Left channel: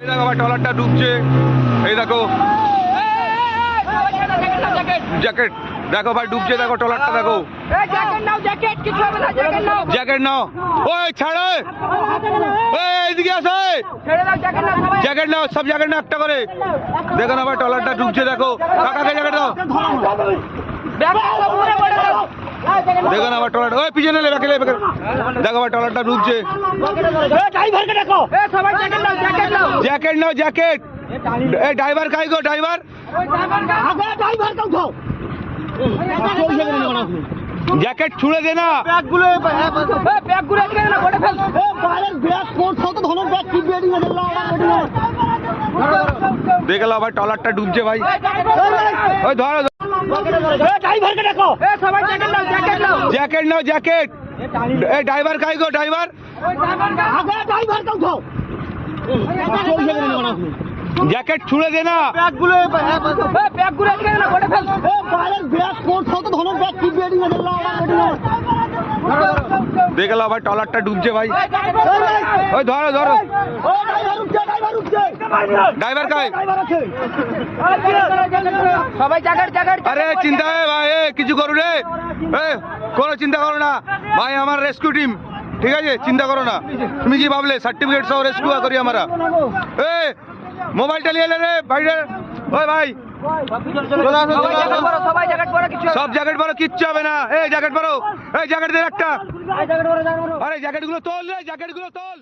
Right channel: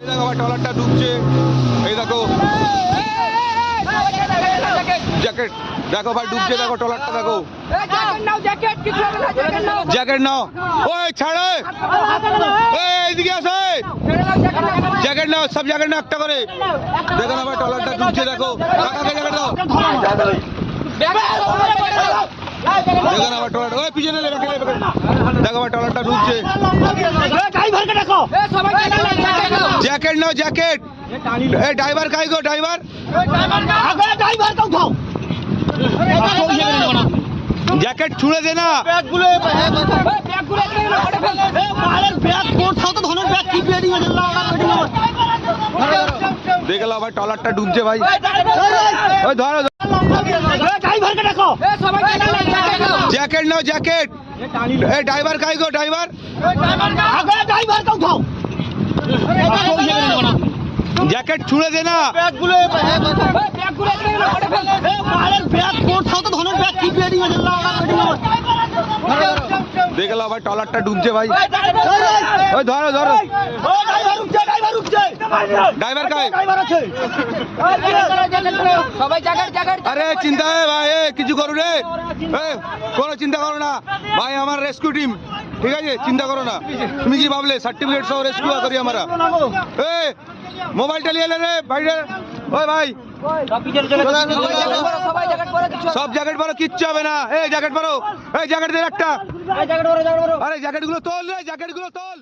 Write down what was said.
এই দেখো ভাই ট্রলারটা ডুবছে। এই দেখো জ্যাকেট, দেখো ভাই ডুবছে, দেখো ট্রলারটা দেখো। জ্যাকেট নাও, ওই ছাড়ে, এইদিকে আসে, জ্যাকেট নাও, সব জ্যাকেট নাও একটা করে। দেখো না ভাই ট্রলারটা ডুবছে, দেখো কাকাকে জ্যাকেট দাও। দেখো না ভাই ট্রলার, ওই পিছনে দেখো ভাই ট্রলারটা ডুবছে। জ্যাকেট নাও, জ্যাকেট। এই ড্রাইভার কাই গো, ড্রাইভার জ্যাকেট ছুড়ে দে না। দেখে ভাই ট্রলারটা ডুবছে ভাই, ওই ধরো। জ্যাকেট নাও, জ্যাকেট। এই ড্রাইভার কাই গো, ড্রাইভার জ্যাকেট ছুড়ে দে না। দেখে ভাই ট্রলারটা ডুবছে ভাই, ওই ধরো ধরো। ড্রাইভার কাই? আরে চিন্তা ভাই, কিছু করো রে, কোনো চিন্তা করো না ভাই, আমার রেস্কিউ টিম, ঠিক আছে, চিন্তা করো না। তুমি কি ভাবলে সার্টিফিকেট সহ রেস্কিউ করি আমরা? মোবাইলটা নিয়ে এলে রে বাইরে, ওই ভাই সব জ্যাকেট পরো, কিচ্ছু হবে না। এই জ্যাকেট পরো, এই জ্যাকেট দে একটা। আরে জ্যাকেট গুলো তোল রে, জ্যাকেট গুলো তোল।